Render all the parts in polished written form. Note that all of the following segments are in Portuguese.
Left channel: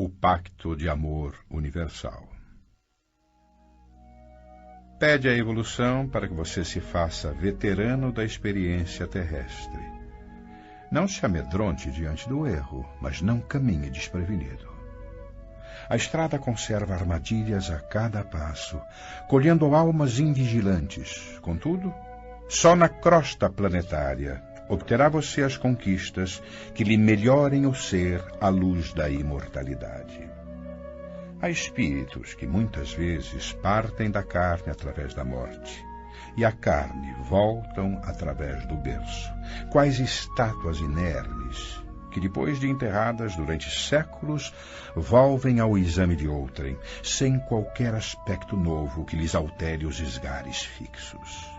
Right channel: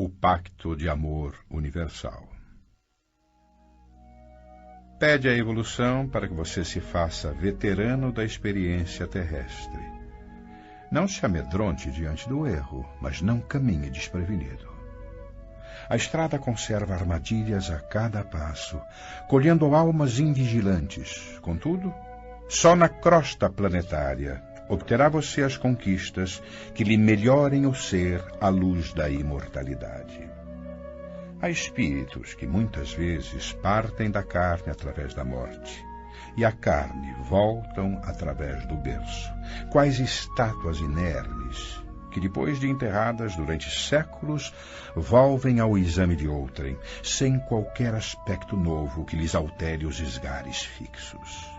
o pacto de amor universal. Pede a evolução para que você se faça veterano da experiência terrestre. Não se amedronte diante do erro, mas não caminhe desprevenido. A estrada conserva armadilhas a cada passo, colhendo almas invigilantes. Contudo, só na crosta planetária obterá você as conquistas que lhe melhorem o ser à luz da imortalidade. Há espíritos que muitas vezes partem da carne através da morte, e a carne voltam através do berço, quais estátuas inermes, que depois de enterradas durante séculos, volvem ao exame de outrem, sem qualquer aspecto novo que lhes altere os esgares fixos.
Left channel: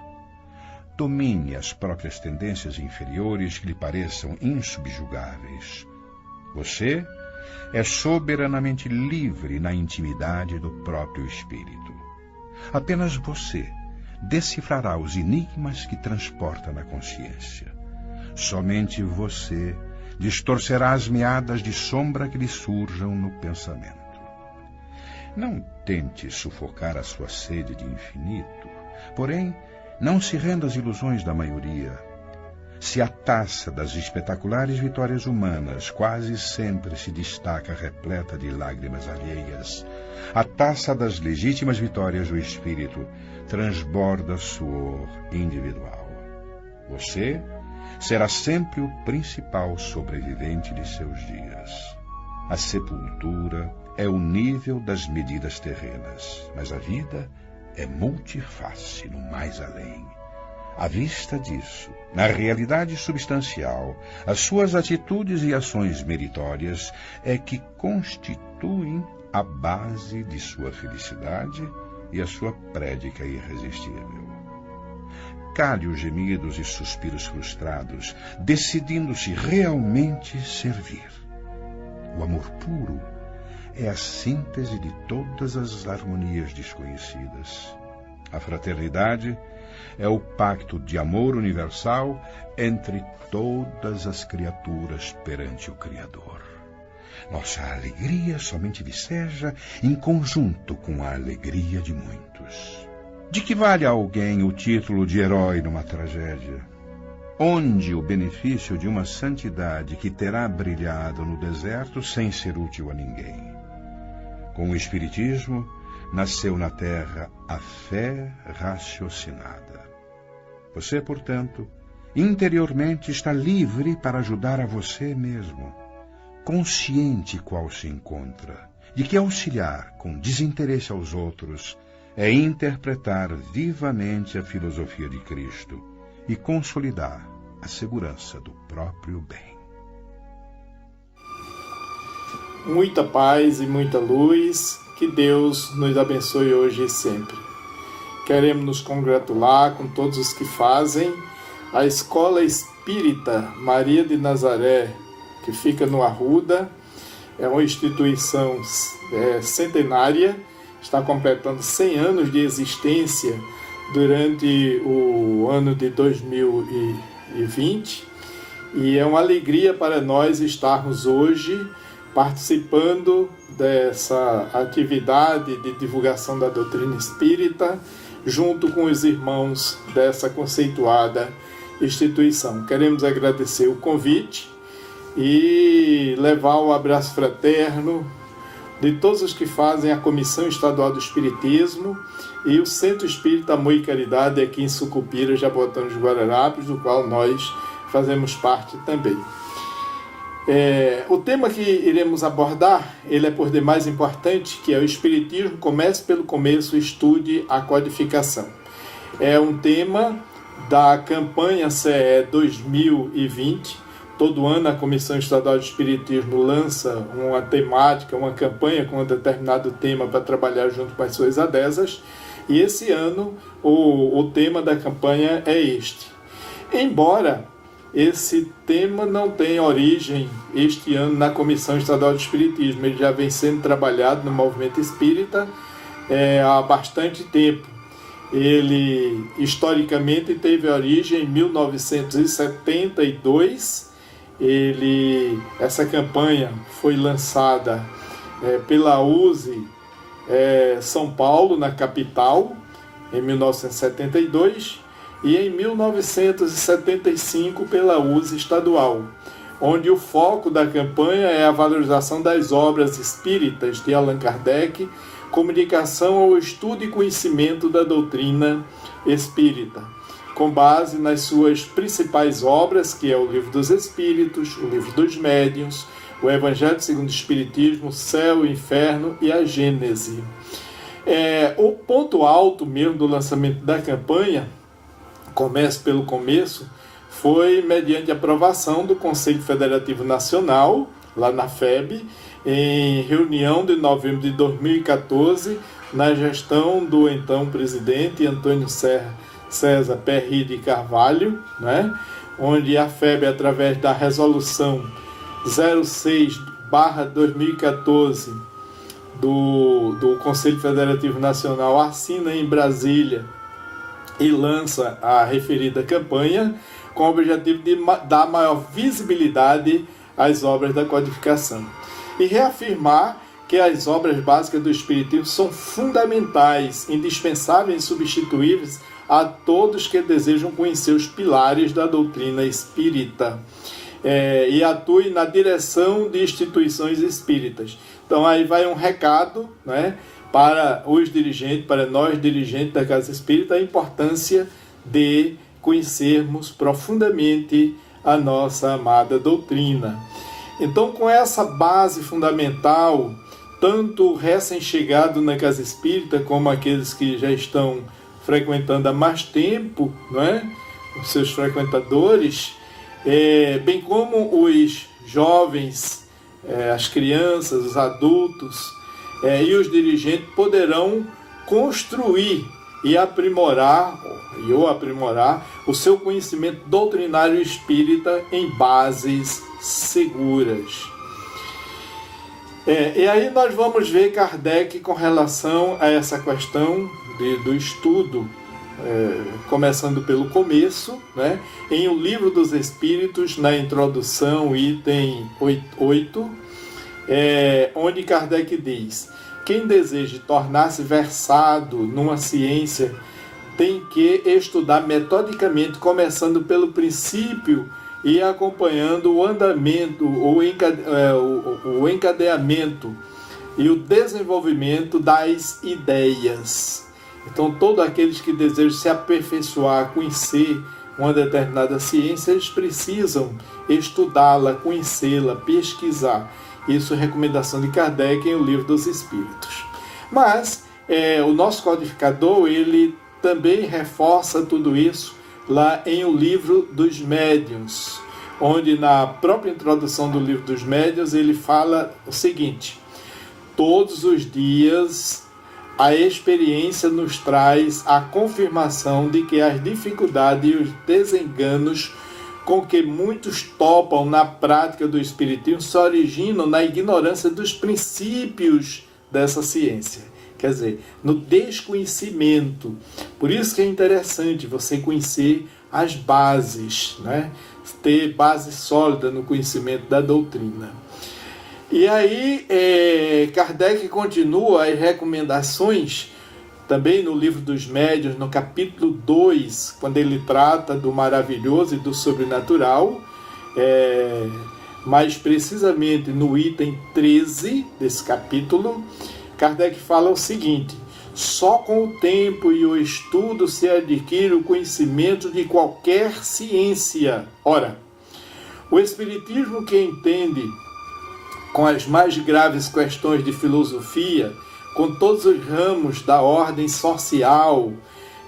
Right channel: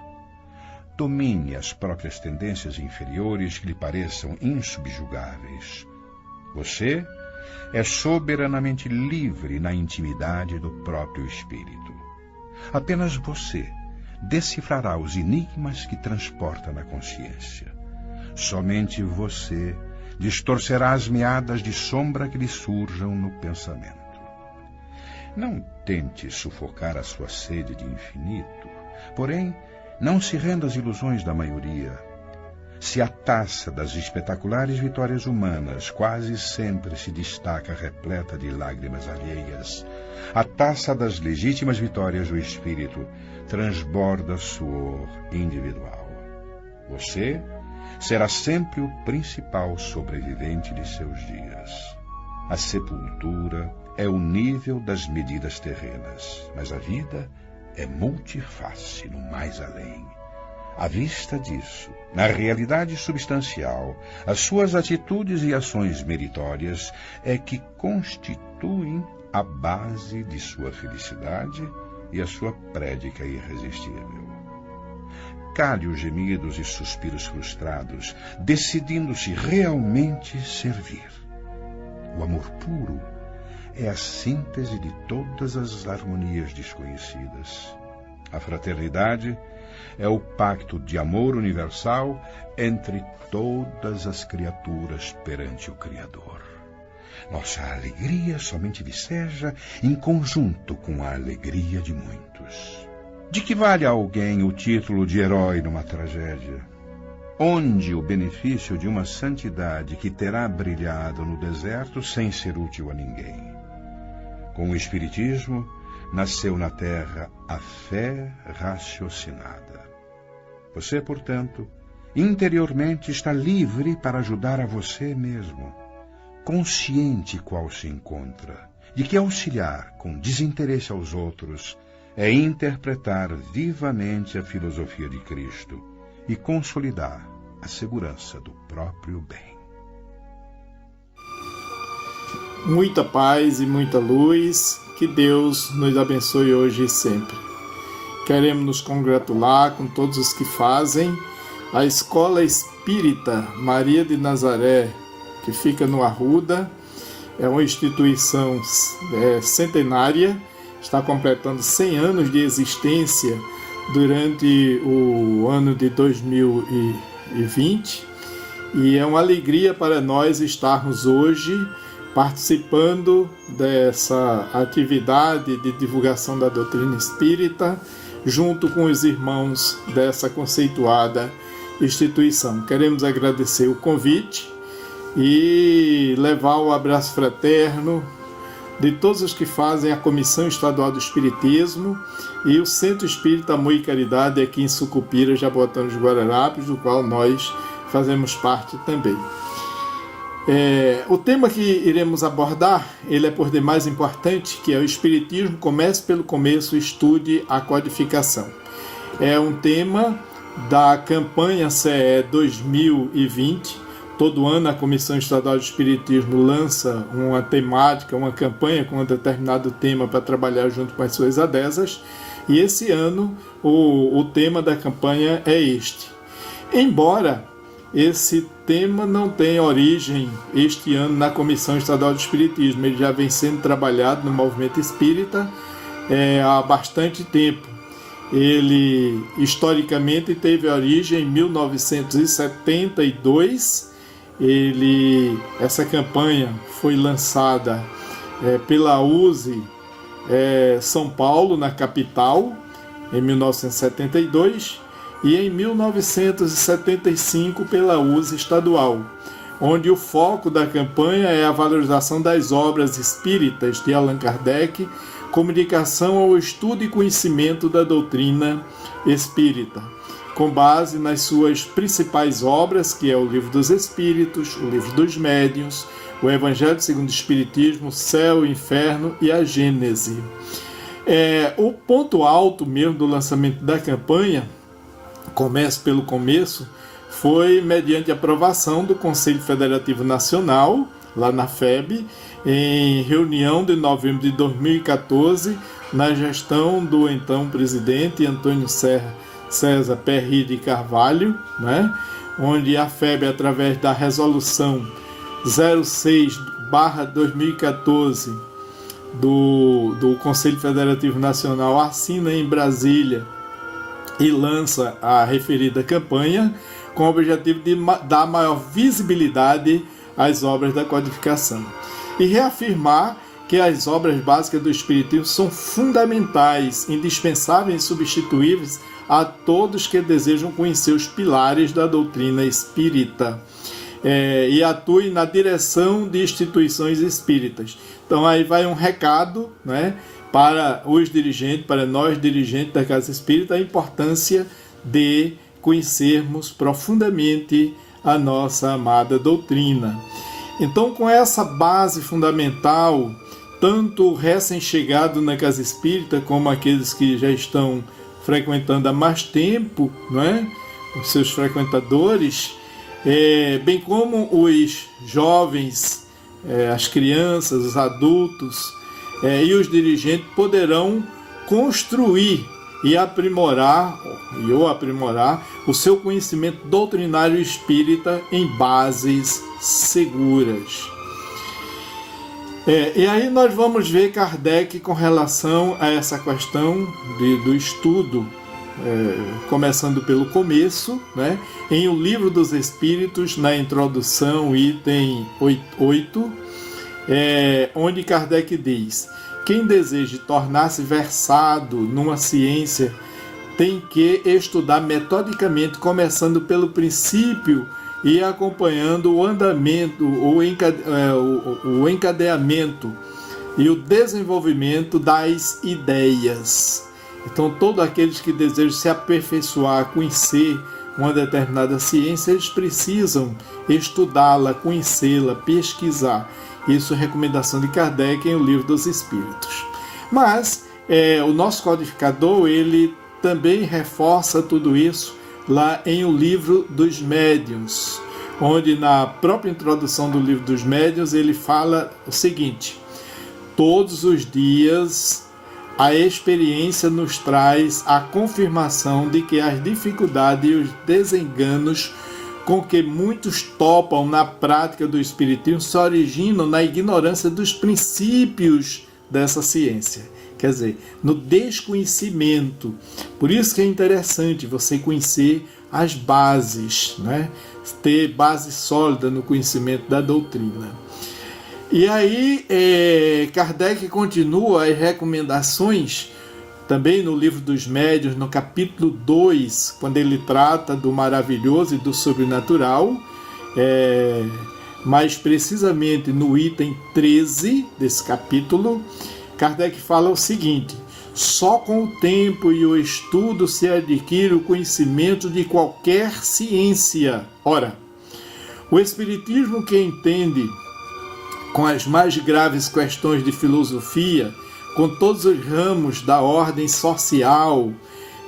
Domine as próprias tendências inferiores que lhe pareçam insubjugáveis. Você é soberanamente livre na intimidade do próprio espírito. Apenas você decifrará os enigmas que transporta na consciência. Somente você distorcerá as meadas de sombra que lhe surjam no pensamento. Não tente sufocar a sua sede de infinito, porém, não se renda às ilusões da maioria. Se a taça das espetaculares vitórias humanas quase sempre se destaca repleta de lágrimas alheias, a taça das legítimas vitórias do espírito transborda suor individual. Você será sempre o principal sobrevivente de seus dias. A sepultura é o nível das medidas terrenas, mas a vida é multiface no mais além. À vista disso, na realidade substancial, as suas atitudes e ações meritórias é que constituem a base de sua felicidade e a sua prédica irresistível. Cale os gemidos e suspiros frustrados, decidindo-se realmente servir. O amor puro é a síntese de todas as harmonias desconhecidas. A fraternidade é o pacto de amor universal entre todas as criaturas perante o Criador. Nossa alegria somente viceja em conjunto com a alegria de muitos. De que vale a alguém o título de herói numa tragédia? Onde o benefício de uma santidade que terá brilhado no deserto sem ser útil a ninguém? Com o Espiritismo, nasceu na Terra a fé raciocinada. Você, portanto, interiormente está livre para ajudar a você mesmo, consciente qual se encontra, de que auxiliar com desinteresse aos outros é interpretar vivamente a filosofia de Cristo e consolidar a segurança do próprio bem. Muita paz e muita luz, que Deus nos abençoe hoje e sempre. Queremos nos congratular com todos os que fazem a Escola Espírita Maria de Nazaré, que fica no Arruda. É uma instituição centenária, está completando 100 anos de existência durante o ano de 2020, e é uma alegria para nós estarmos hoje participando dessa atividade de divulgação da doutrina espírita, junto com os irmãos dessa conceituada instituição. Queremos agradecer o convite e levar o abraço fraterno de todos os que fazem a Comissão Estadual do Espiritismo e o Centro Espírita Amor e Caridade aqui em Sucupira, Jaboatão dos Guararapes, do qual nós fazemos parte também. O tema que iremos abordar, ele é por demais importante, que é o Espiritismo, comece pelo começo, estude a codificação. É um tema da campanha CE 2020, todo ano a Comissão Estadual de Espiritismo lança uma temática, uma campanha com um determinado tema para trabalhar junto com as suas adesas, e esse ano o tema da campanha é este. Embora esse tema não tenha origem este ano na Comissão Estadual de Espiritismo, ele já vem sendo trabalhado no movimento espírita há bastante tempo. Ele historicamente teve origem em 1972. Essa campanha foi lançada pela USE São Paulo, na capital, em 1972, e em 1975 pela USE estadual, onde o foco da campanha é a valorização das obras espíritas de Allan Kardec, comunicação ao estudo e conhecimento da doutrina espírita, com base nas suas principais obras, que é o Livro dos Espíritos, o Livro dos Médiuns, o Evangelho segundo o Espiritismo, o Céu, o Inferno e a Gênese. O ponto alto mesmo do lançamento da campanha, começo pelo começo, foi mediante aprovação do Conselho Federativo Nacional, lá na FEB, em reunião de novembro de 2014, na gestão do então presidente Antônio César Perry de Carvalho, né? Onde a FEB, através da resolução 06/2014 do Conselho Federativo Nacional, assina em Brasília e lança a referida campanha, com o objetivo de dar maior visibilidade às obras da codificação e reafirmar que as obras básicas do Espiritismo são fundamentais, indispensáveis e insubstituíveis a todos que desejam conhecer os pilares da doutrina espírita e atue na direção de instituições espíritas. Então aí vai um recado, né, para os dirigentes, para nós dirigentes da Casa Espírita, a importância de conhecermos profundamente a nossa amada doutrina. Então, com essa base fundamental, tanto o recém-chegado na Casa Espírita, como aqueles que já estão frequentando há mais tempo, não é? Os seus frequentadores, bem como os jovens, as crianças, os adultos e os dirigentes poderão construir e aprimorar o seu conhecimento doutrinário espírita em bases seguras. E aí nós vamos ver Kardec com relação a essa questão do estudo, começando pelo começo, né? Em O Livro dos Espíritos, na introdução, item 8, onde Kardec diz: quem deseja tornar-se versado numa ciência tem que estudar metodicamente, começando pelo princípio e acompanhando o andamento, o encadeamento e o desenvolvimento das ideias. Então, todos aqueles que desejam se aperfeiçoar, conhecer uma determinada ciência, eles precisam estudá-la, conhecê-la, pesquisar. Isso é recomendação de Kardec em O Livro dos Espíritos. Mas o nosso codificador, ele também reforça tudo isso lá em O Livro dos Médiuns, onde na própria introdução do Livro dos Médiuns ele fala o seguinte: todos os dias a experiência nos traz a confirmação de que as dificuldades e os desenganos com que muitos topam na prática do Espiritismo se originam na ignorância dos princípios dessa ciência. Quer dizer, no desconhecimento. Por isso que é interessante você conhecer as bases, né? Ter base sólida no conhecimento da doutrina. E aí, Kardec continua as recomendações, também no Livro dos Médiuns, no capítulo 2, quando ele trata do maravilhoso e do sobrenatural, mais precisamente no item 13 desse capítulo, Kardec fala o seguinte: só com o tempo e o estudo se adquire o conhecimento de qualquer ciência. Ora, o Espiritismo, que entende com as mais graves questões de filosofia, com todos os ramos da ordem social,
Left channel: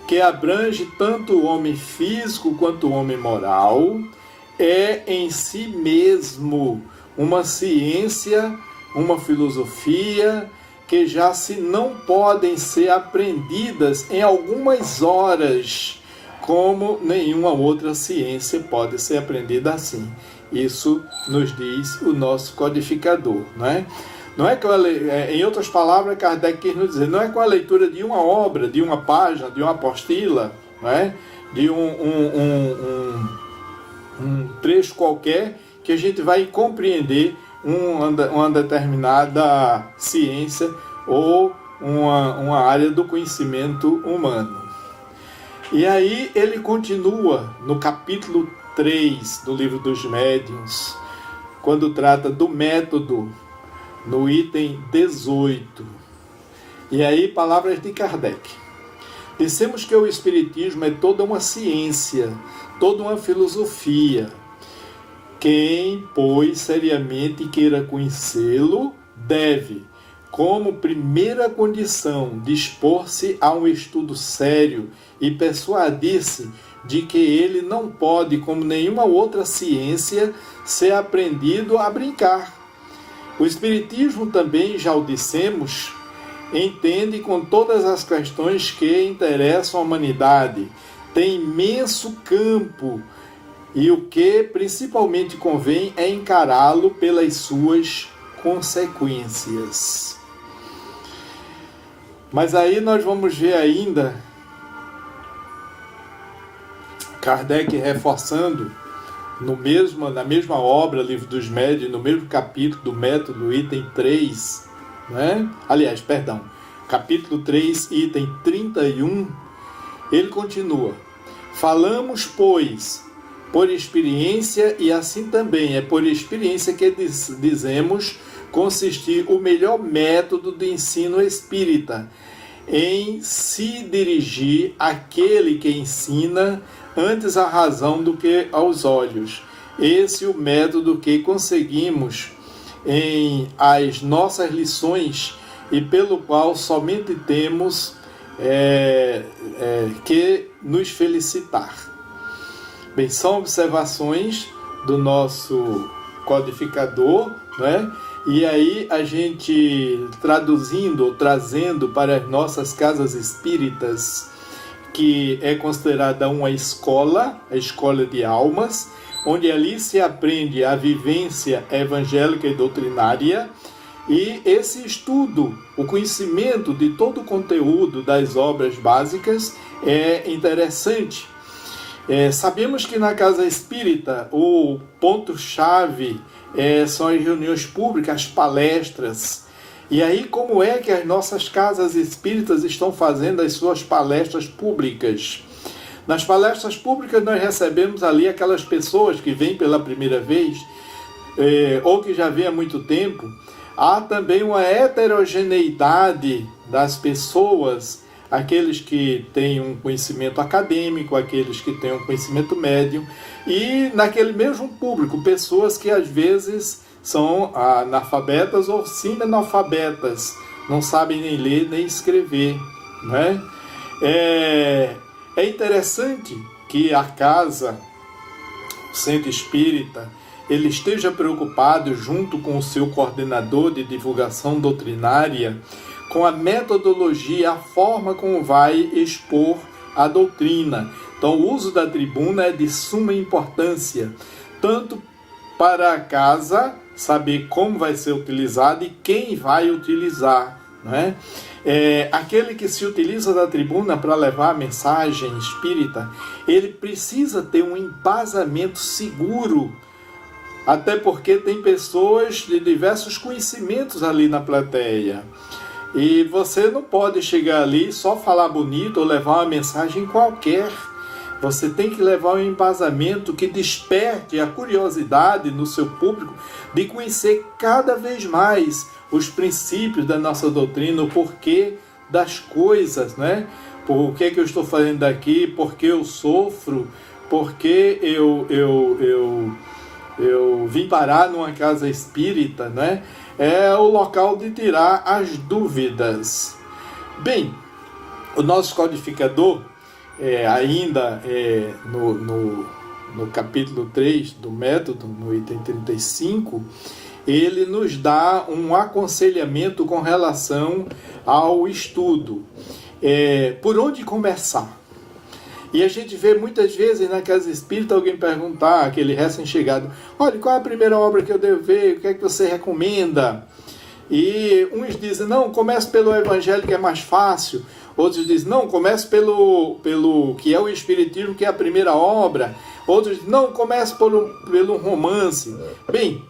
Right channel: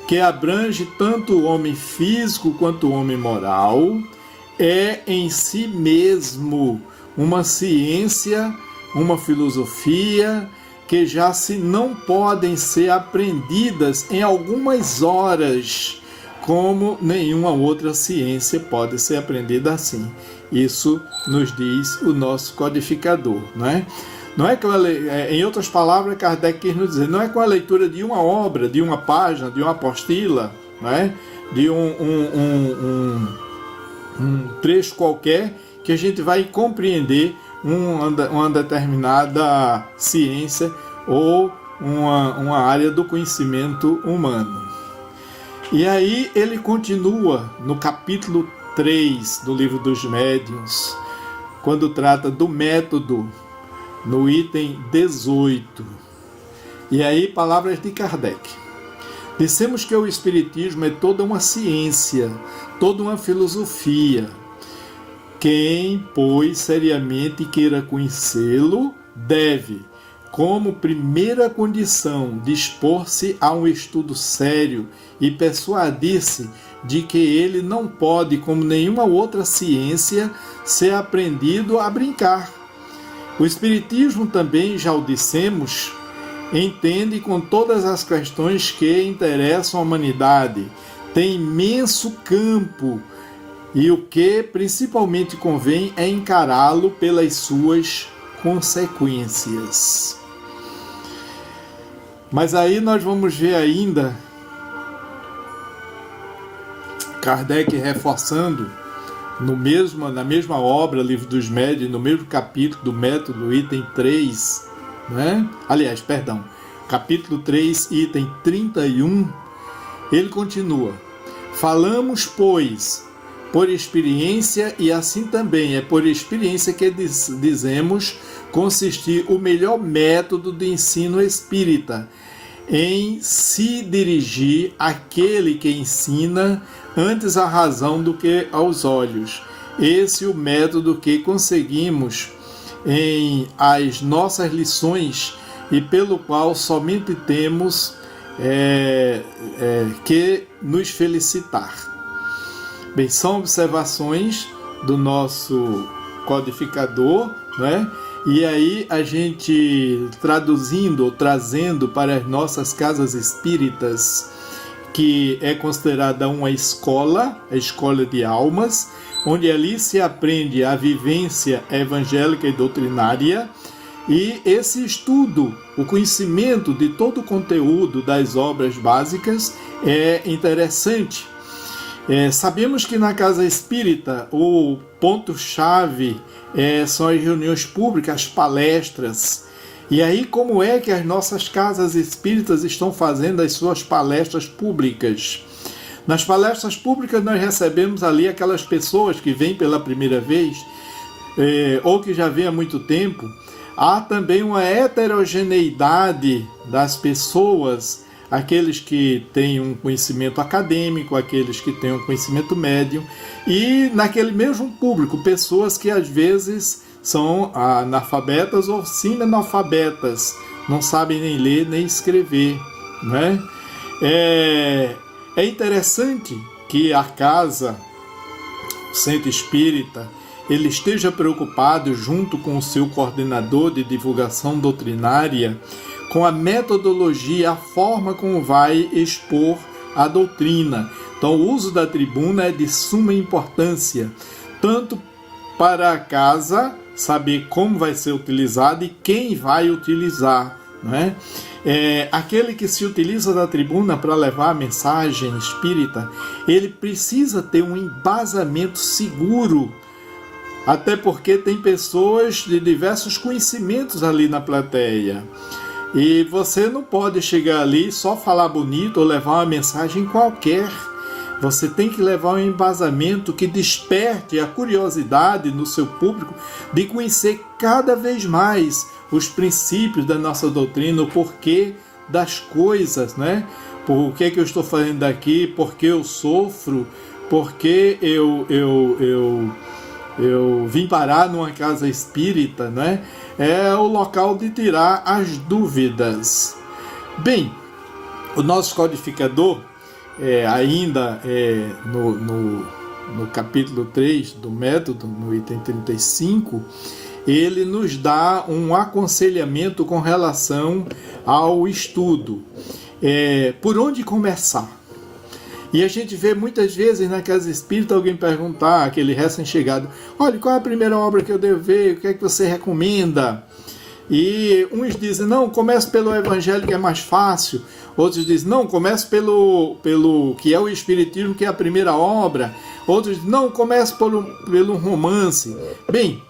que abrange tanto o homem físico quanto o homem moral, é em si mesmo uma ciência, uma filosofia, que já se não podem ser aprendidas em algumas horas, como nenhuma outra ciência pode ser aprendida assim. Isso nos diz o nosso codificador, não é? Não é em outras palavras, Kardec quis nos dizer, não é com a leitura de uma obra, de uma página, de uma apostila, não é? De um trecho qualquer, que a gente vai compreender uma determinada ciência ou uma área do conhecimento humano. E aí ele continua no capítulo 3 do Livro dos Médiuns, quando trata do método, no item 18. E aí, palavras de Kardec. Dissemos que o Espiritismo é toda uma ciência, toda uma filosofia. Quem, pois, seriamente queira conhecê-lo, deve, como primeira condição, dispor-se a um estudo sério e persuadir-se de que ele não pode, como nenhuma outra ciência, ser aprendido a brincar. O Espiritismo também, já o dissemos, entende com todas as questões que interessam a humanidade, tem imenso campo e o que principalmente convém é encará-lo pelas suas consequências. Mas aí nós vamos ver ainda Kardec reforçando na mesma obra, Livro dos Médiuns, no mesmo capítulo do método, item 3, né? Aliás, perdão, capítulo 3, item 31, ele continua: falamos, pois, por experiência, e assim também é por experiência que dizemos consistir o melhor método de ensino espírita, em se dirigir àquele que ensina antes à razão do que aos olhos. Esse é o método que conseguimos em as nossas lições e pelo qual somente temos que nos felicitar. Bem, são observações do nosso codificador, né? E aí a gente traduzindo ou trazendo para as nossas casas espíritas, que é considerada uma escola, a escola de almas, onde ali se aprende a vivência evangélica e doutrinária, e esse estudo, o conhecimento de todo o conteúdo das obras básicas é interessante. Sabemos que na casa espírita o ponto-chave são as reuniões públicas, as palestras. E aí, como é que as nossas casas espíritas estão fazendo as suas palestras públicas? Nas palestras públicas nós recebemos ali aquelas pessoas que vêm pela primeira vez, ou que já vêm há muito tempo. Há também uma heterogeneidade das pessoas, aqueles que têm um conhecimento acadêmico, aqueles que têm um conhecimento médio, e naquele mesmo público, pessoas que às vezes são analfabetas ou semi-analfabetas, não sabem nem ler nem escrever, né? É interessante que a casa, o centro espírita, ele esteja preocupado, junto com o seu coordenador de divulgação doutrinária, com a metodologia, a forma como vai expor a doutrina. Então, o uso da tribuna é de suma importância, tanto para a casa saber como vai ser utilizado e quem vai utilizar, né? Aquele que se utiliza da tribuna para levar a mensagem espírita, ele precisa ter um embasamento seguro, até porque tem pessoas de diversos conhecimentos ali na plateia. E você não pode chegar ali e só falar bonito ou levar uma mensagem qualquer. Você tem que levar um embasamento que desperte a curiosidade no seu público de conhecer cada vez mais os princípios da nossa doutrina, o porquê das coisas, né? Por que eu estou fazendo aqui, por que eu sofro, por que eu vim parar numa casa espírita, né? É o local de tirar as dúvidas. Bem, o nosso codificador, ainda no capítulo 3 do método, no item 35, ele nos dá um aconselhamento com relação ao estudo. Por onde começar? E a gente vê muitas vezes na casa espírita alguém perguntar, aquele recém-chegado: olha, qual é a primeira obra que eu devo ver? O que é que você recomenda? E uns dizem: não, comece pelo Evangelho, que é mais fácil. Outros dizem: não, comece pelo que é o Espiritismo, que é a primeira obra. Outros dizem: não, comece pelo romance. Bem,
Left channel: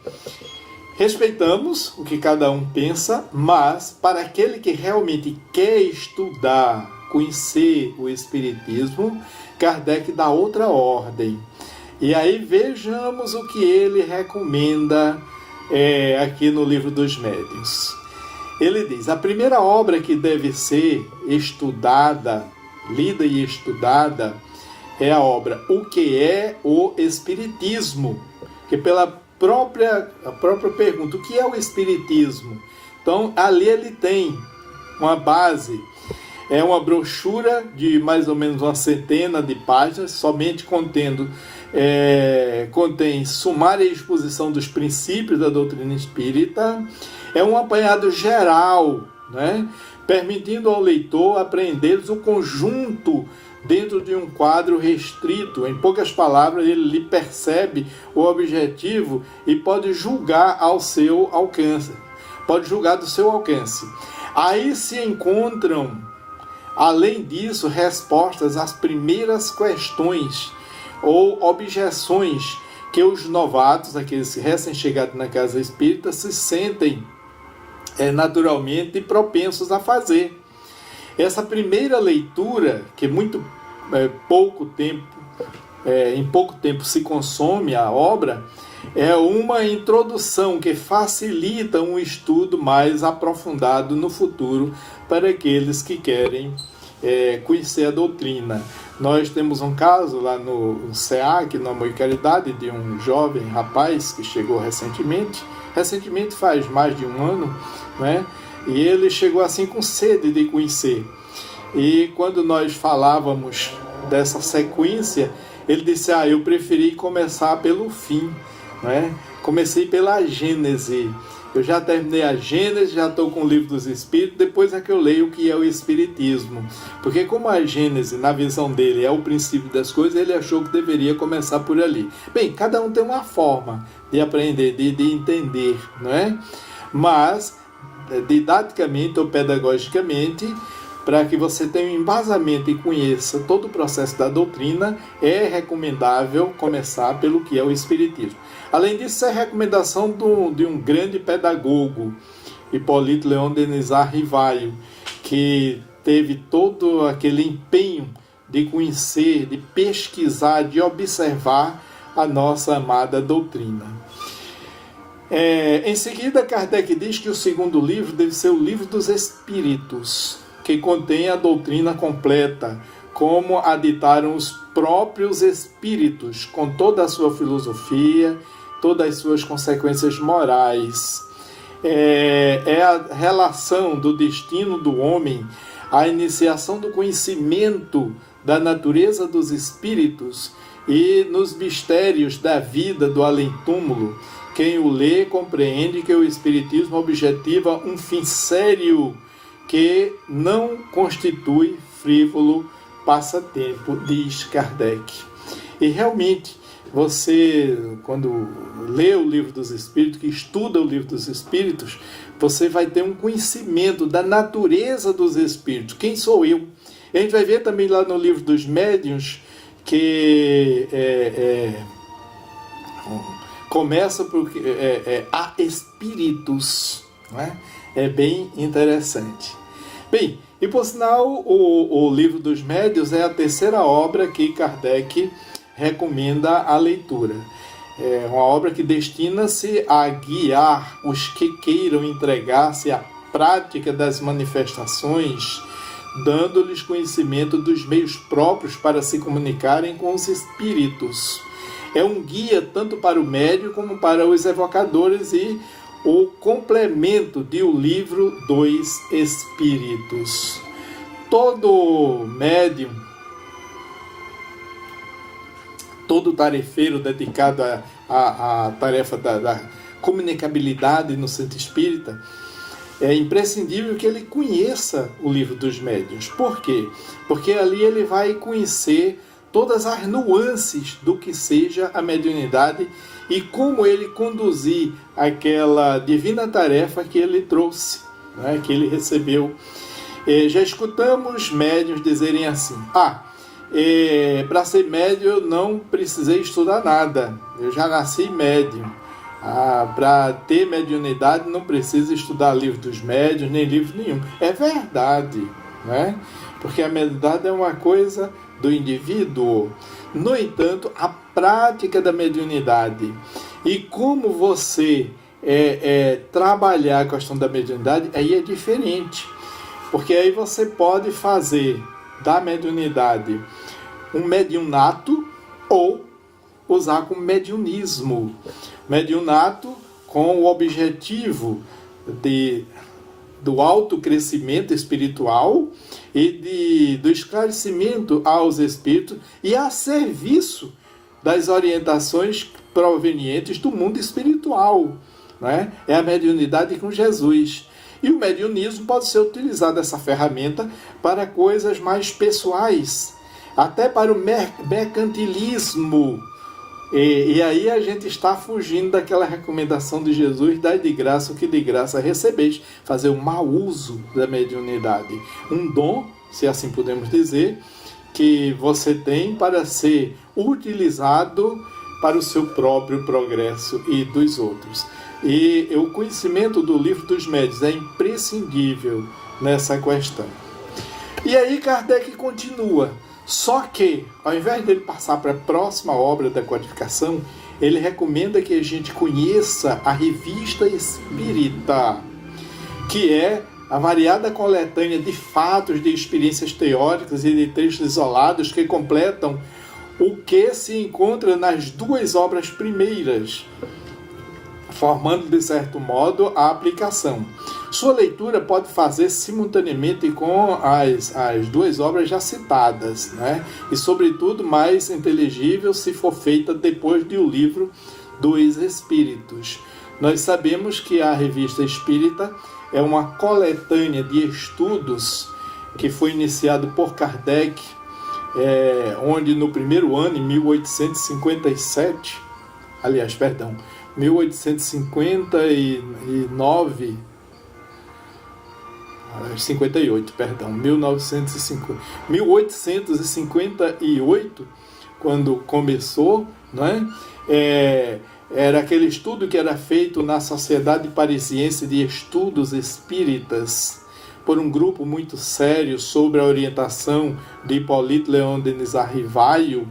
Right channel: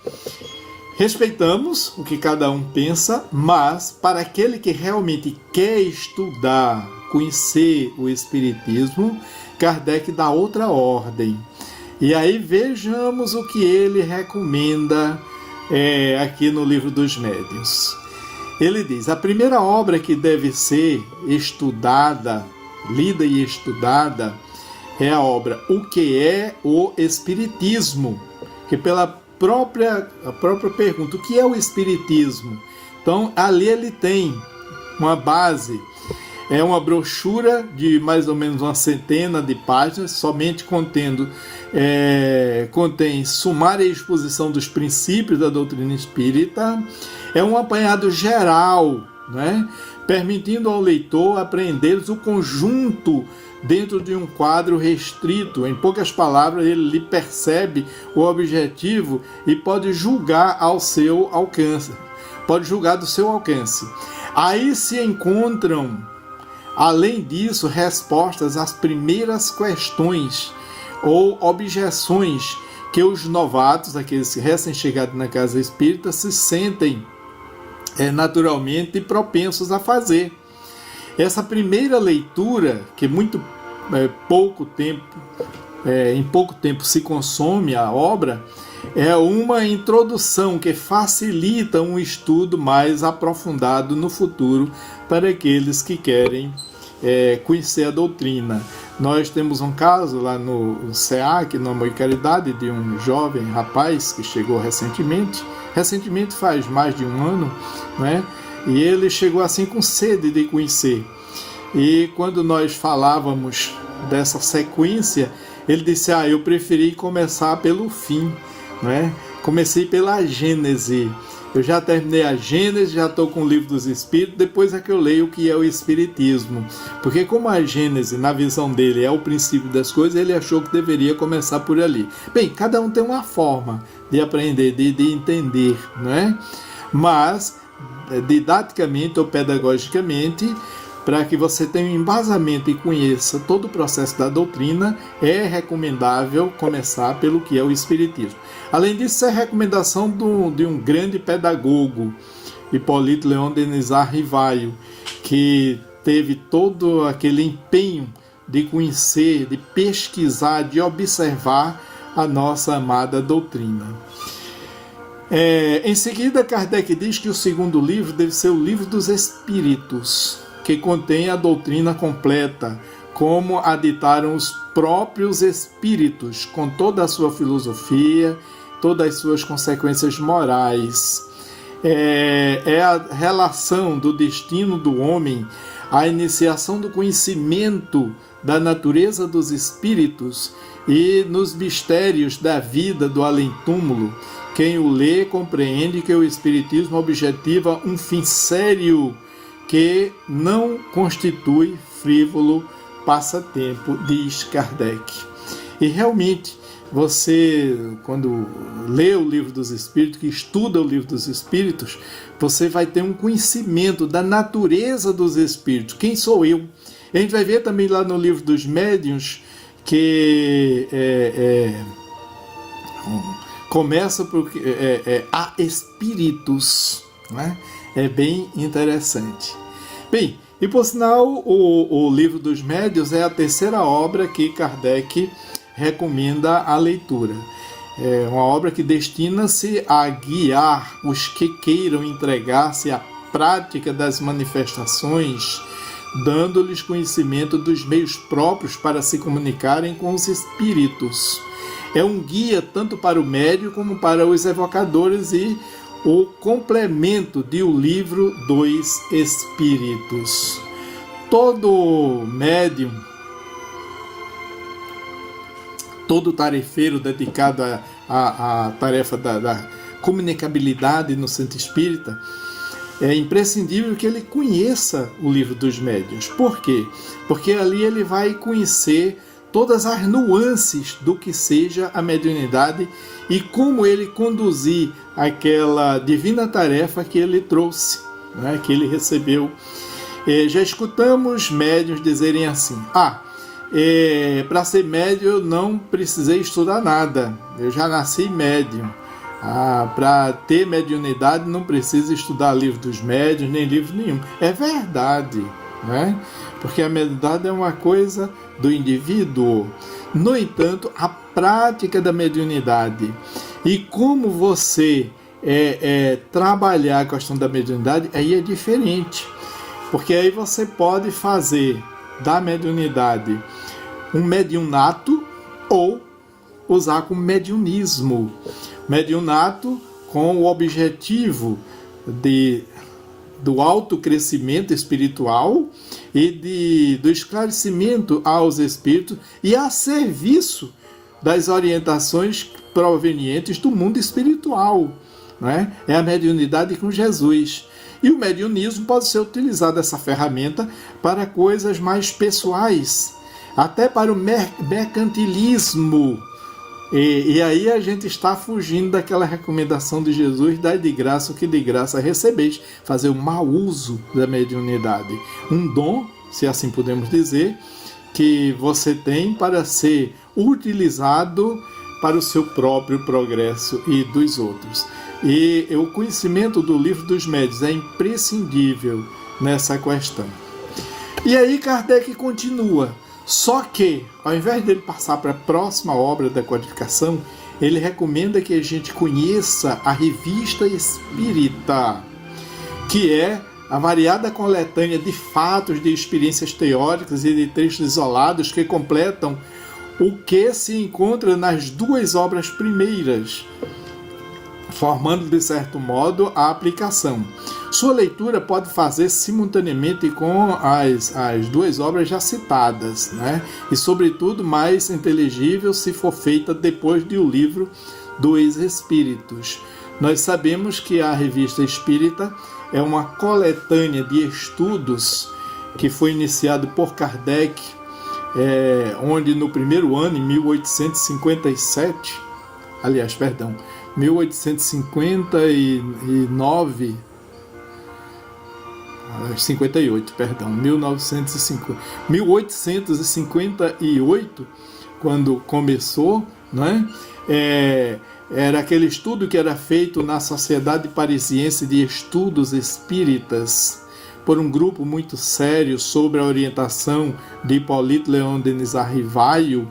Respeitamos o que cada um pensa, mas para aquele que realmente quer estudar, conhecer o Espiritismo, Kardec dá outra ordem. E aí vejamos o que ele recomenda aqui no Livro dos Médiuns. Ele diz: a primeira obra que deve ser estudada, lida e estudada, é a obra O que é o Espiritismo, que pela própria pergunta, o que é o Espiritismo? Então, ali ele tem uma base, é uma brochura de mais ou menos uma centena de páginas, somente contém sumária exposição dos princípios da doutrina espírita, é um apanhado geral, né, permitindo ao leitor apreender o conjunto dentro de um quadro restrito. Em poucas palavras, ele lhe percebe o objetivo e pode julgar ao seu alcance. Pode julgar do seu alcance. Aí se encontram, além disso, respostas às primeiras questões ou objeções que os novatos, aqueles recém-chegados na casa espírita, se sentem naturalmente propensos a fazer. Essa primeira leitura, que em pouco tempo se consome a obra, é uma introdução que facilita um estudo mais aprofundado no futuro para aqueles que querem conhecer a doutrina. Nós temos um caso lá no SEAC, no Amor e Caridade, de um jovem rapaz que chegou recentemente faz mais de um ano, né? E ele chegou assim com sede de conhecer. E quando nós falávamos dessa sequência, ele disse: eu preferi começar pelo fim, né? Comecei pela Gênese. Eu já terminei a Gênese, já estou com o Livro dos Espíritos, depois é que eu leio o que é o Espiritismo. Porque como a Gênese, na visão dele, é o princípio das coisas, ele achou que deveria começar por ali. Bem, cada um tem uma forma de aprender, de entender, né? Mas, didaticamente ou pedagogicamente, para que você tenha um embasamento e conheça todo o processo da doutrina, é recomendável começar pelo que é o Espiritismo. Além disso, é recomendação de um grande pedagogo, Hipólito Leon Denisard Rivaio, que teve todo aquele empenho de conhecer, de pesquisar, de observar a nossa amada doutrina. Em seguida, Kardec diz que o segundo livro deve ser o Livro dos Espíritos, que contém a doutrina completa, como a ditaram os próprios espíritos, com toda a sua filosofia, todas as suas consequências morais. É a relação do destino do homem, a iniciação do conhecimento da natureza dos espíritos e nos mistérios da vida do além-túmulo. Quem o lê compreende que o Espiritismo objetiva um fim sério que não constitui frívolo passatempo, diz Kardec. E realmente, você, quando lê o Livro dos Espíritos, que estuda o Livro dos Espíritos, você vai ter um conhecimento da natureza dos Espíritos. Quem sou eu? E a gente vai ver também lá no Livro dos Médiuns que começa por há espíritos, né? É bem interessante. Bem, e por sinal, o Livro dos Médiuns é a terceira obra que Kardec recomenda a leitura. É uma obra que destina-se a guiar os que queiram entregar-se à prática das manifestações, dando-lhes conhecimento dos meios próprios para se comunicarem com os espíritos. É um guia tanto para o médium como para os evocadores e o complemento de O Livro dos Espíritos. Todo médium, todo tarefeiro dedicado à tarefa da comunicabilidade no centro espírita, é imprescindível que ele conheça o Livro dos Médiuns. Por quê? Porque ali ele vai conhecer todas as nuances do que seja a mediunidade e como ele conduzir aquela divina tarefa que ele trouxe, né, que ele recebeu. Já escutamos médiuns dizerem assim: para ser médium eu não precisei estudar nada, eu já nasci médium. Para ter mediunidade não precisa estudar livro dos médiuns, nem livro nenhum. É verdade, né? Porque a mediunidade é uma coisa do indivíduo. No entanto, a prática da mediunidade e como você trabalhar a questão da mediunidade, aí é diferente. Porque aí você pode fazer da mediunidade um mediunato ou usar como mediunismo. Mediunato com o objetivo do autocrescimento espiritual e do esclarecimento aos espíritos e a serviço das orientações provenientes do mundo espiritual. Né? É a mediunidade com Jesus. E o mediunismo pode ser utilizado, essa ferramenta, para coisas mais pessoais, até para o mercantilismo. E aí a gente está fugindo daquela recomendação de Jesus: dai de graça o que de graça recebeis, fazer um mau uso da mediunidade. Um dom, se assim podemos dizer, que você tem para ser utilizado para o seu próprio progresso e dos outros. E o conhecimento do Livro dos Médiuns é imprescindível nessa questão. E aí Kardec continua. Só que, ao invés dele passar para a próxima obra da codificação, ele recomenda que a gente conheça a Revista Espírita, que é a variada coletânea de fatos, de experiências teóricas e de textos isolados que completam o que se encontra nas duas obras primeiras, formando, de certo modo, a aplicação. Sua leitura pode fazer simultaneamente com as duas obras já citadas, né? E, sobretudo, mais inteligível se for feita depois do livro dos Espíritos. Nós sabemos que a Revista Espírita é uma coletânea de estudos que foi iniciado por Kardec, onde no primeiro ano, em 1857, 1859, 1858, quando começou, né? Era aquele estudo que era feito na Sociedade Parisiense de Estudos Espíritas, por um grupo muito sério, sobre a orientação de Hippolyte Léon Denis Rivaio.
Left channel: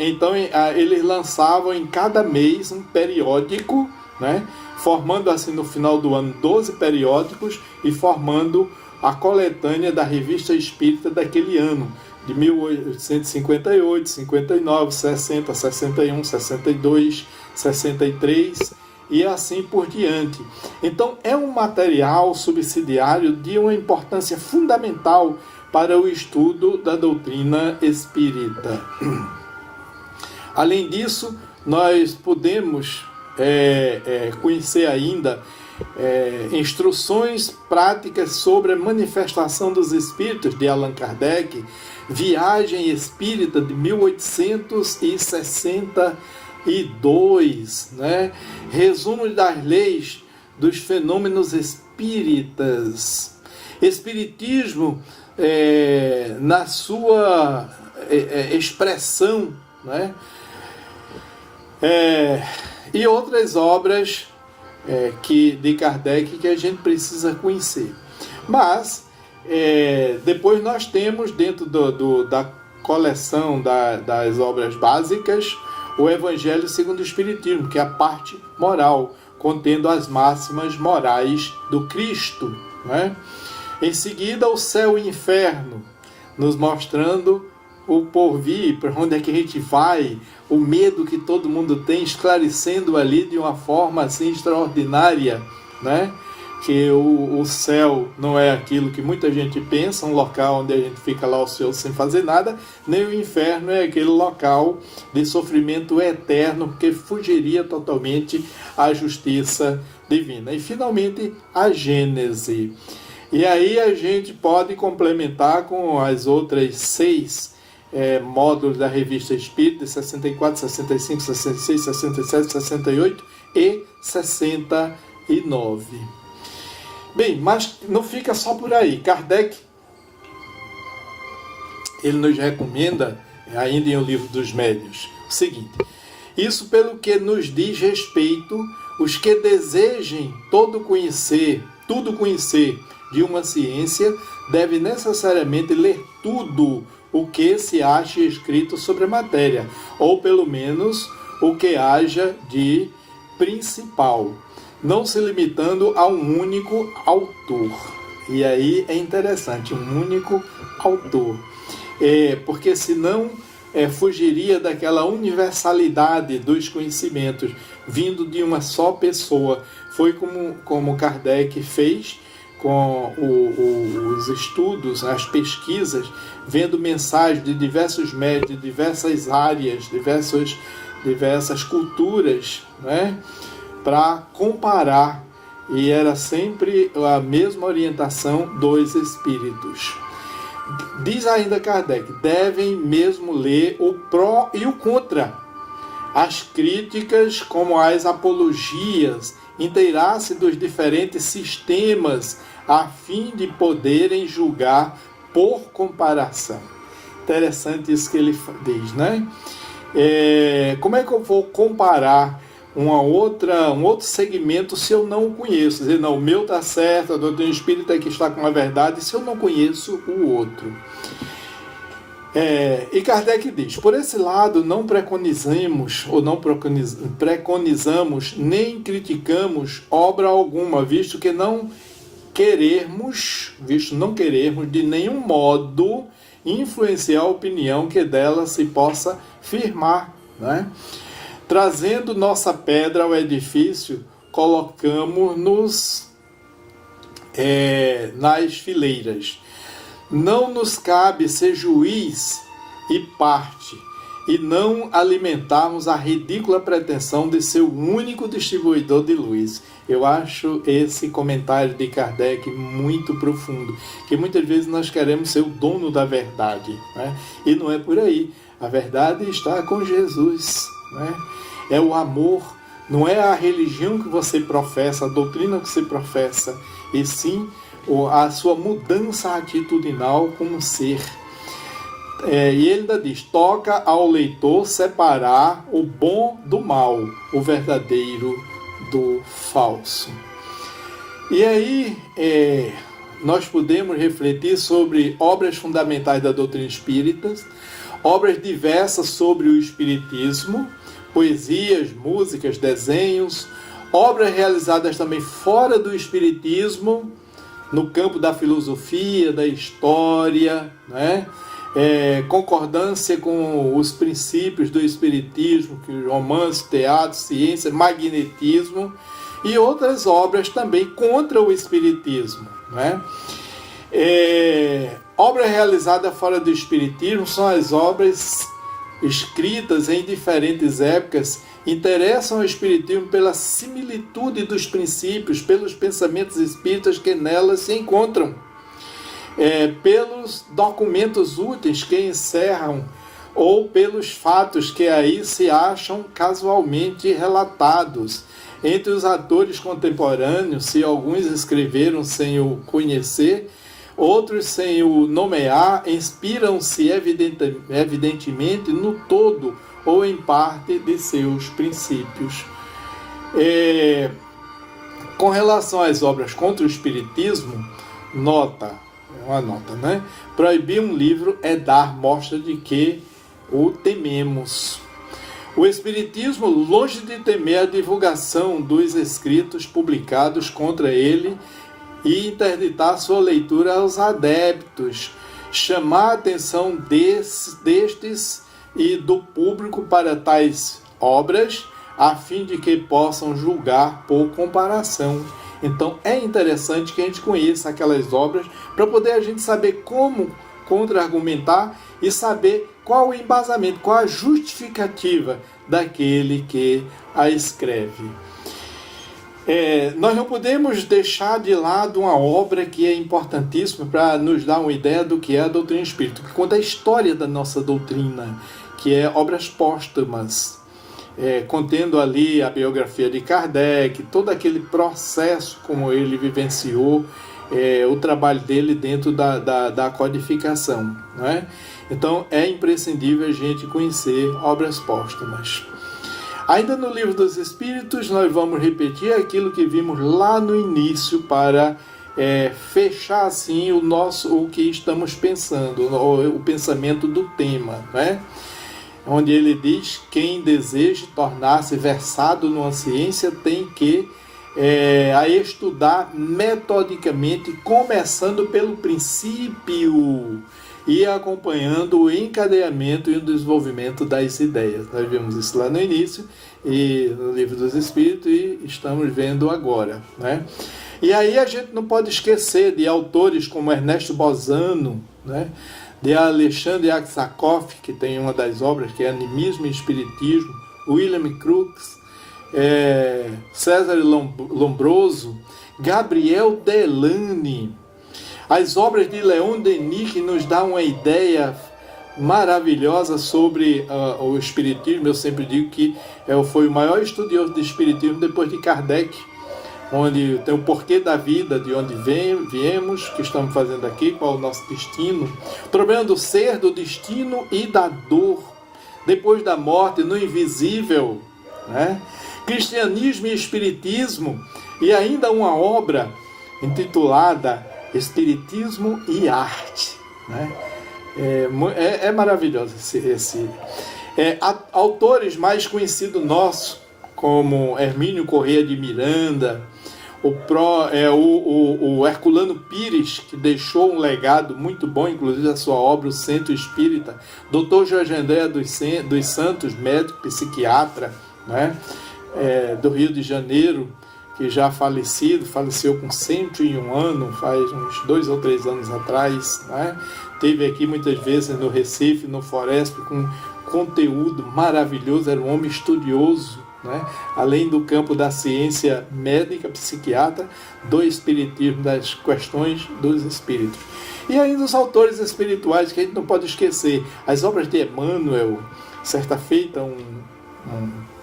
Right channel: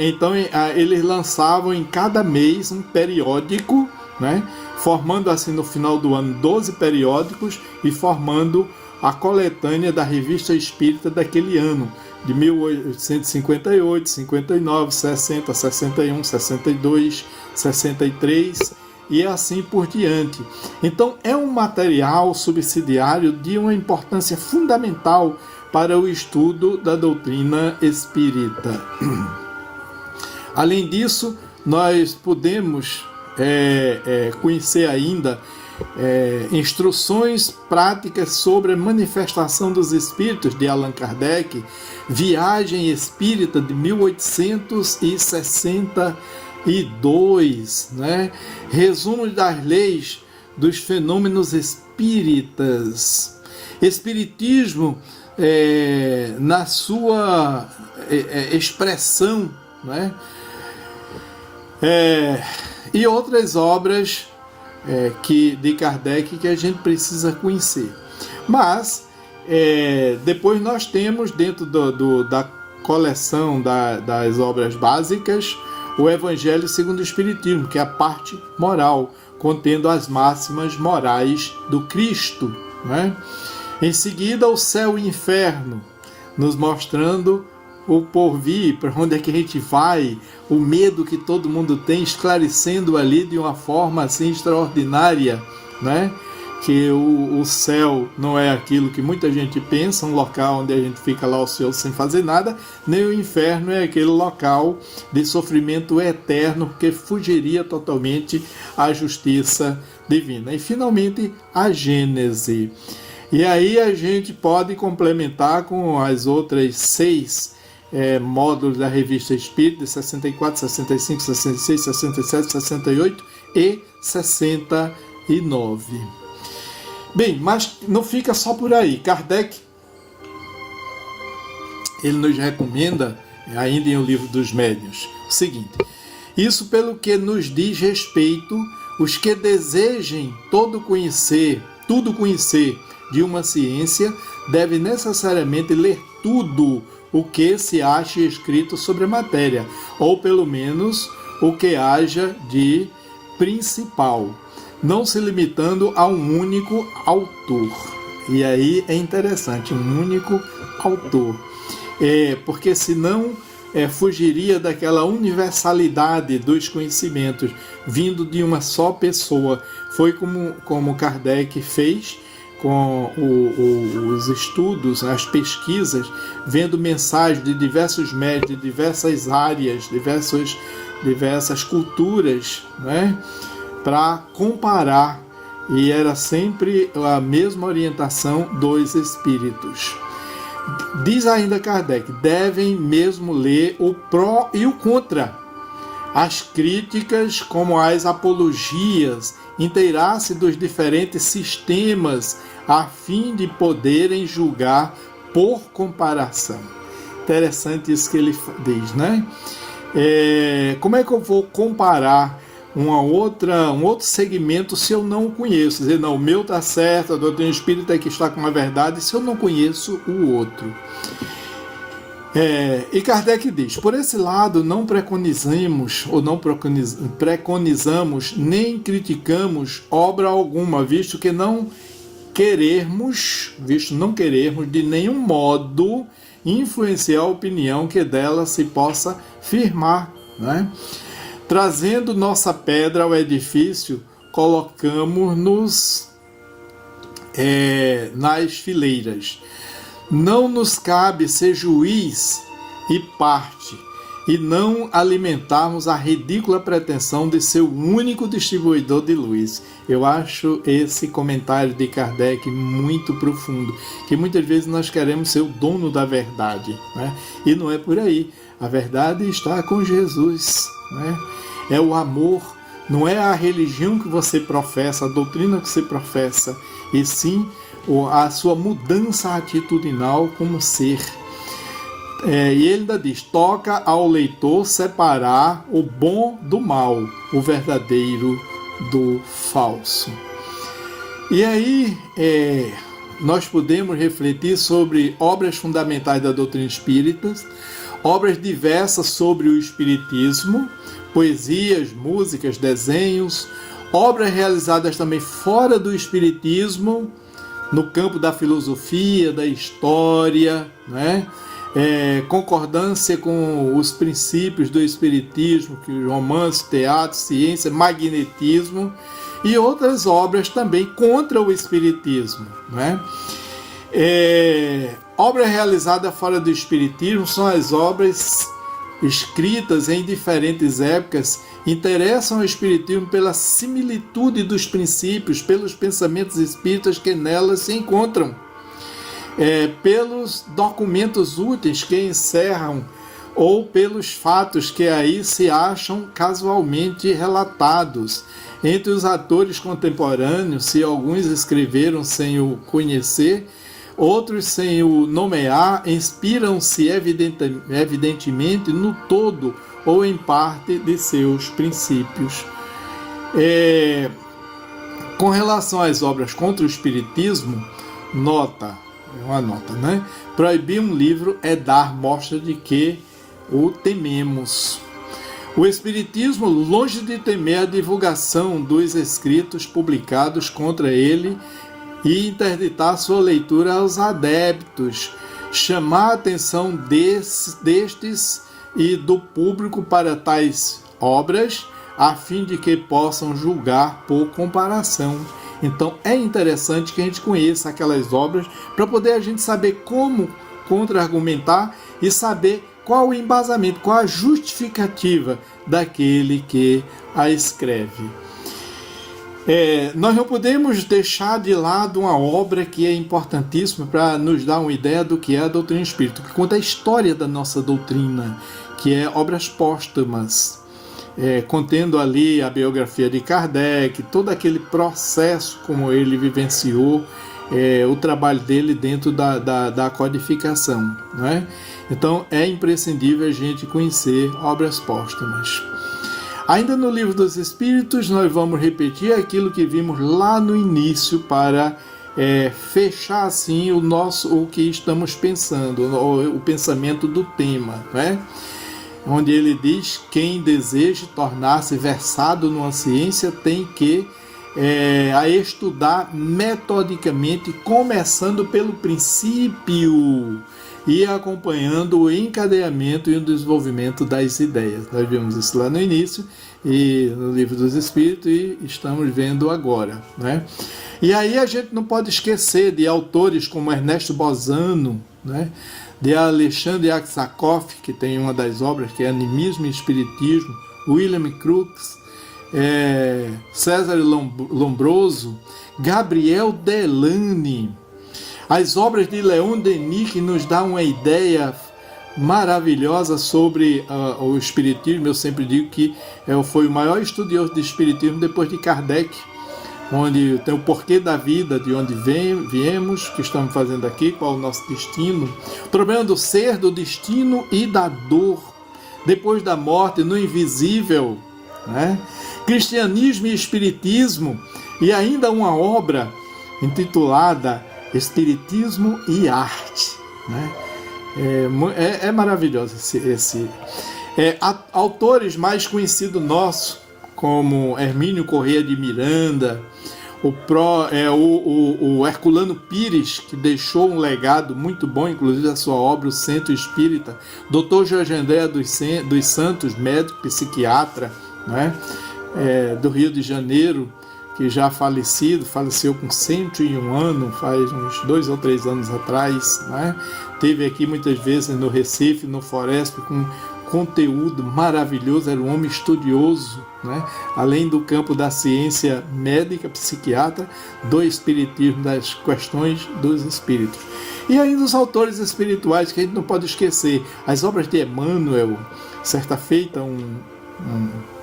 Então eles lançavam em cada mês um periódico, né? Formando assim no final do ano 12 periódicos e formando a coletânea da Revista Espírita daquele ano, de 1858, 59, 60, 61, 62, 63 e assim por diante. Então é um material subsidiário de uma importância fundamental para o estudo da doutrina espírita. Além disso, nós podemos conhecer ainda instruções práticas sobre a manifestação dos espíritos de Allan Kardec, Viagem Espírita de 1862, né? Resumo das leis dos fenômenos espíritas, Espiritismo na sua expressão, né? E outras obras de Kardec que a gente precisa conhecer. Mas depois nós temos dentro da coleção das obras básicas o Evangelho segundo o Espiritismo, que é a parte moral, contendo as máximas morais do Cristo, né? Em seguida, o Céu e o Inferno, nos mostrando o porvir, para onde é que a gente vai, o medo que todo mundo tem, esclarecendo ali de uma forma assim extraordinária, né? Que o céu não é aquilo que muita gente pensa, um local onde a gente fica lá ocioso sem fazer nada, nem o inferno é aquele local de sofrimento eterno, porque fugiria totalmente à justiça divina. E finalmente a Gênese. E aí a gente pode complementar com as outras 6 módulos da Revista Espírita, 64, 65, 66, 67, 68 e 69. Bem, mas não fica só por aí. Kardec, ele nos recomenda, ainda em O Livro dos Médiuns, o seguinte: Isso pelo que nos diz respeito, os que desejem tudo conhecer de uma ciência, devem necessariamente ler tudo o que se acha escrito sobre a matéria, ou pelo menos o que haja de principal, não se limitando a um único autor. E aí é interessante, um único autor. Porque senão fugiria daquela universalidade dos conhecimentos vindo de uma só pessoa. Foi como Kardec fez com os estudos, as pesquisas, vendo mensagens de diversos médios, de diversas áreas, diversas culturas, né, para comparar, e era sempre a mesma orientação dos espíritos. Diz ainda Kardec, devem mesmo ler o pró e o contra, as críticas como as apologias, inteirar-se dos diferentes sistemas a fim de poderem julgar por comparação. Interessante isso que ele diz, né? Como é que eu vou comparar um outro segmento se eu não o conheço? Dizer, não, o meu está certo, a doutrina espírita é que está com a verdade, se eu não conheço o outro. E Kardec diz, por esse lado não preconizamos nem criticamos obra alguma, visto não querermos de nenhum modo influenciar a opinião que dela se possa firmar, né? Trazendo nossa pedra ao edifício, colocamos-nos nas fileiras. Não nos cabe ser juiz e parte, e não alimentarmos a ridícula pretensão de ser o único distribuidor de luz. Eu acho esse comentário de Kardec muito profundo, que muitas vezes nós queremos ser o dono da verdade, né? E não é por aí. A verdade está com Jesus, né? É o amor, não é a religião que você professa, a doutrina que você professa, e sim a sua mudança atitudinal como ser. E ele ainda diz, toca ao leitor separar o bom do mal, o verdadeiro do falso. E aí nós podemos refletir sobre obras fundamentais da doutrina espírita, obras diversas sobre o espiritismo, poesias, músicas, desenhos, obras realizadas também fora do espiritismo, no campo da filosofia, da história, né? Concordância com os princípios do espiritismo, que romance, teatro, ciência, magnetismo, e outras obras também contra o espiritismo, né? Obras realizadas fora do espiritismo são as obras escritas em diferentes épocas, interessam o espiritismo pela similitude dos princípios, pelos pensamentos espíritas que nelas se encontram, pelos documentos úteis que encerram ou pelos fatos que aí se acham casualmente relatados. Entre os atores contemporâneos, se alguns escreveram sem o conhecer, outros sem o nomear, inspiram-se evidentemente no todo ou em parte de seus princípios. Com relação às obras contra o espiritismo, uma nota, né? Proibir um livro é dar mostra de que o tememos. O espiritismo, longe de temer a divulgação dos escritos publicados contra ele e interditar sua leitura aos adeptos, chamar a atenção destes e do público para tais obras, a fim de que possam julgar por comparação. Então é interessante que a gente conheça aquelas obras para poder a gente saber como contra-argumentar e saber qual o embasamento, qual a justificativa daquele que a escreve. Nós não podemos deixar de lado uma obra que é importantíssima para nos dar uma ideia do que é a doutrina espírita, que conta a história da nossa doutrina, que é obras póstumas, contendo ali a biografia de Kardec, todo aquele processo como ele vivenciou, o trabalho dele dentro da codificação, não é? Então é imprescindível a gente conhecer obras póstumas. Ainda no Livro dos Espíritos, nós vamos repetir aquilo que vimos lá no início para fechar assim o que estamos pensando, o pensamento do tema, né? Onde ele diz: quem deseja tornar-se versado numa ciência tem que estudar metodicamente, começando pelo princípio e acompanhando o encadeamento e o desenvolvimento das ideias. Nós vimos isso lá no início, e no Livro dos Espíritos, e estamos vendo agora, né? E aí a gente não pode esquecer de autores como Ernesto Bozano, né? De Alexandre Aksakov, que tem uma das obras que é Animismo e Espiritismo, William Crookes, César Lombroso, Gabriel Delany, as obras de Leon Denis, que nos dá uma ideia maravilhosa sobre o Espiritismo. Eu sempre digo que foi o maior estudioso de Espiritismo depois de Kardec, onde tem o porquê da vida, de onde viemos, o que estamos fazendo aqui, qual o nosso destino, o problema do ser, do destino e da dor, depois da morte, no invisível, né? Cristianismo e Espiritismo, e ainda uma obra intitulada Espiritismo e Arte, né? É maravilhoso esse. Autores mais conhecidos nossos, como Hermínio Corrêa de Miranda, o Herculano Pires, que deixou um legado muito bom, inclusive a sua obra, O Centro Espírita, Dr. Jorge André dos Santos, médico, psiquiatra, né? Do Rio de Janeiro, que já faleceu com 101 anos, faz uns 2 ou 3 anos atrás, né? Teve aqui muitas vezes no Recife, no Floresp, com conteúdo maravilhoso, era um homem estudioso, né? Além do campo da ciência médica, psiquiatra, do espiritismo, das questões dos espíritos. E ainda os autores espirituais, que a gente não pode esquecer, as obras de Emmanuel. Certa feita, um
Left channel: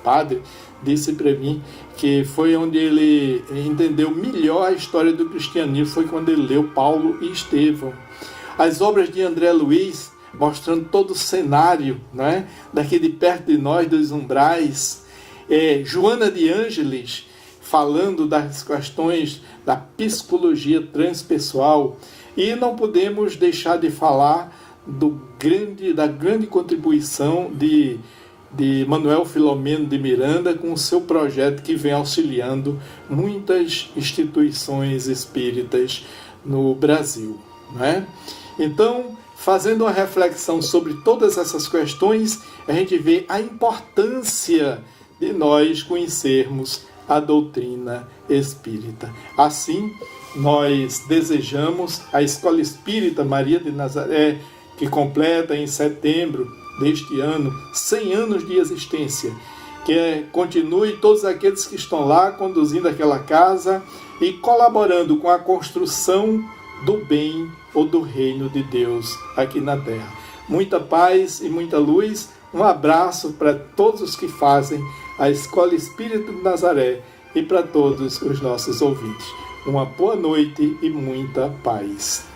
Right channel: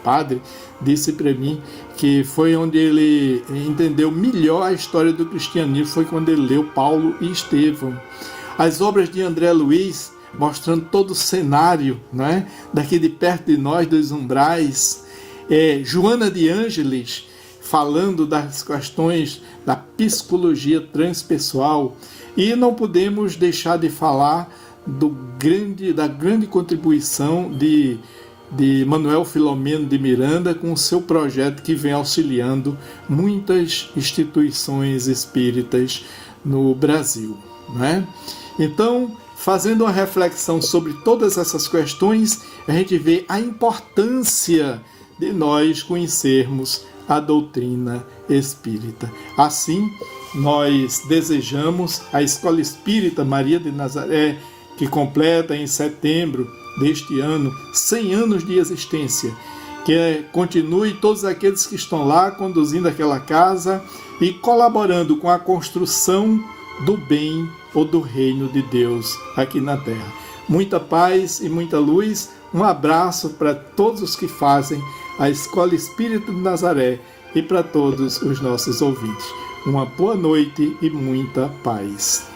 padre disse para mim que foi onde ele entendeu melhor a história do cristianismo, foi quando ele leu Paulo e Estevão. As obras de André Luiz, mostrando todo o cenário, né, daqui de perto de nós, dos umbrais. Joana de Ângeles, falando das questões da psicologia transpessoal. E não podemos deixar de falar da grande contribuição de Manuel Filomeno de Miranda, com o seu projeto que vem auxiliando muitas instituições espíritas no Brasil, né? Então, fazendo uma reflexão sobre todas essas questões, a gente vê a importância de nós conhecermos a doutrina espírita. Assim, nós desejamos a Escola Espírita Maria de Nazaré, que completa em setembro deste ano 100 anos de existência, que continue todos aqueles que estão lá conduzindo aquela casa e colaborando com a construção do bem ou do reino de Deus aqui na Terra. Muita paz e muita luz. Um abraço para todos os que fazem a Escola Espírita de Nazaré e para todos os nossos ouvintes. Uma boa noite e muita paz.